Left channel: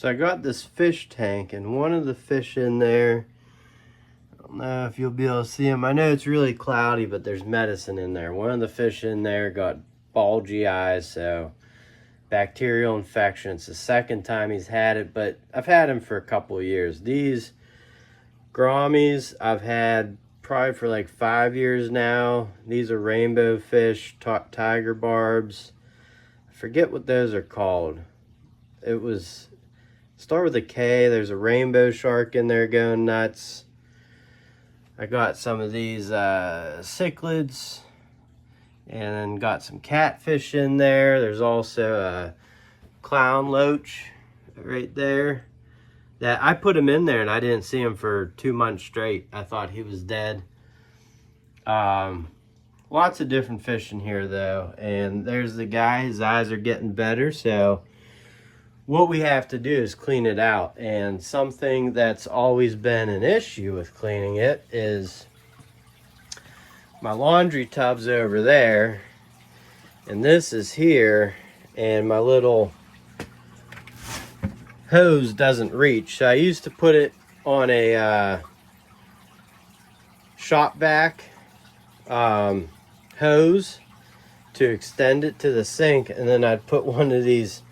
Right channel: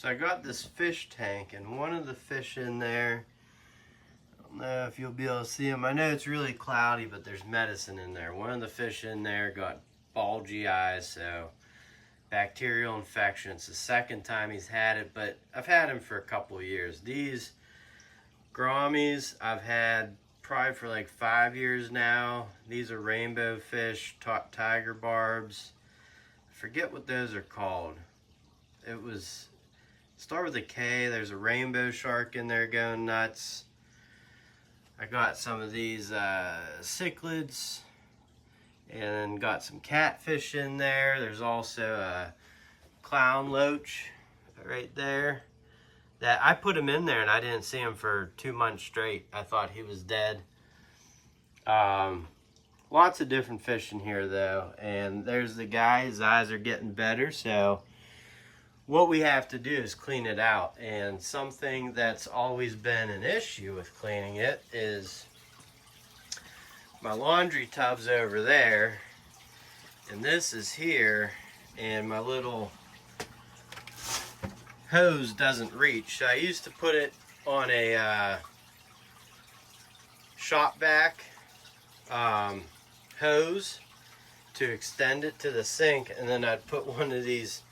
So I got this fish tank, and one of the fish in there, I don't know if you'll be able to see them. I know it's really cloudy, but there's medicine in there. One of the fish in there got bulgy eyes, so bacterial infection. It's the second time he's had it, but I've had him for a couple of years. These Gouramis I've had probably for like 5 years now. These are rainbow fish, tiger barbs. I forget what those are called. It was start with a K. There's a rainbow shark in there going nuts. I got some of these cichlids, and then got some catfish in there. There's also a clown loach right there that I put him in there, and I didn't see him for 2 months straight. I thought he was dead. Lots of different fish in here though, and there's the guy. His eyes are getting better, so what we have to do is clean it out. And something that's always been an issue with cleaning it is my laundry tub's over there, and this is here, and my little hose doesn't reach. So I used to put it on a shop vac hose to extend it to the sink, and then I'd put one of these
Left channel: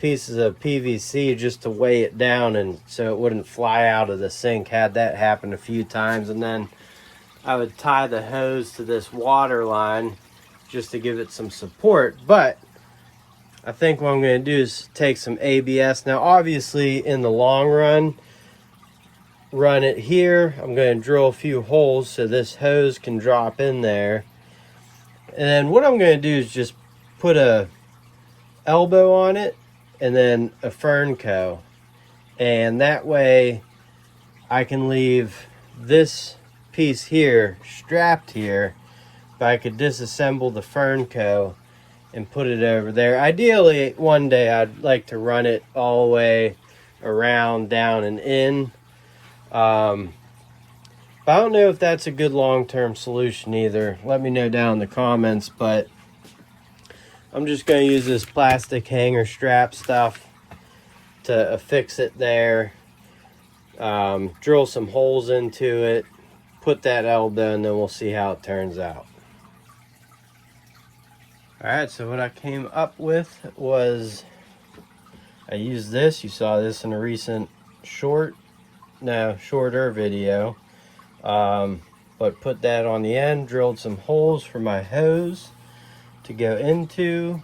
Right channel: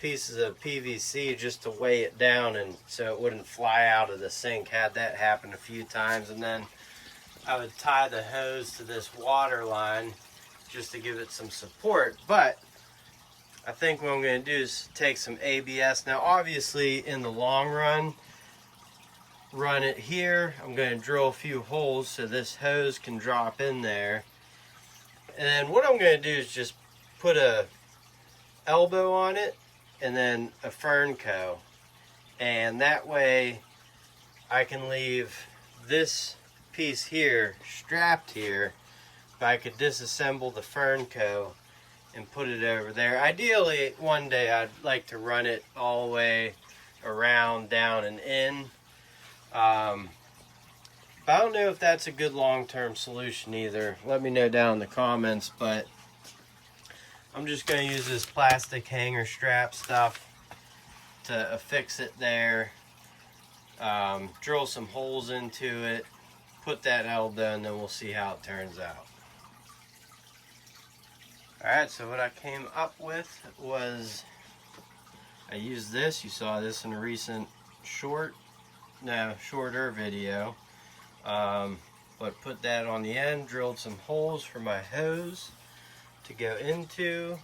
pieces of PVC just to weigh it down, and so it wouldn't fly out of the sink. Had that happen a few times, and then I would tie the hose to this water line just to give it some support. But I think what I'm going to do is take some ABS. Now obviously in the long run, run it here. I'm going to drill a few holes so this hose can drop in there. And then what I'm going to do is just put a elbow on it and then a Fernco. And that way I can leave this piece here strapped here, but I could disassemble the Fernco and put it over there. Ideally one day I'd like to run it all the way around, down and in. But I don't know if that's a good long-term solution either. Let me know down in the comments, but I'm just going to use this plastic hanger strap stuff to affix it there. Drill some holes into it, put that elbow, and then we'll see how it turns out. Alright, so what I came up with was, I used this. You saw this in a recent shorter video. But put that on the end, drilled some holes for my hose to go into,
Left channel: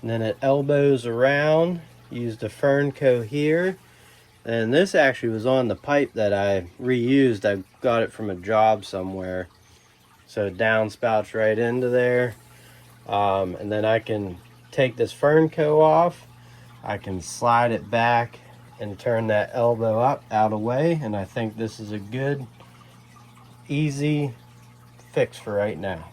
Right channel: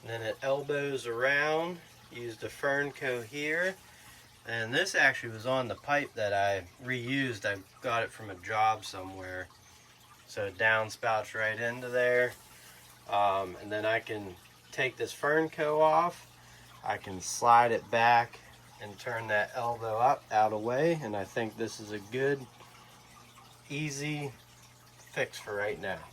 and then it elbows around. Used a Fernco here, and this actually was on the pipe that I reused. I got it from a job somewhere, so downspouts right into there. And then I can take this Fernco off, I can slide it back and turn that elbow up out of the way, and I think this is a good easy fix for right now.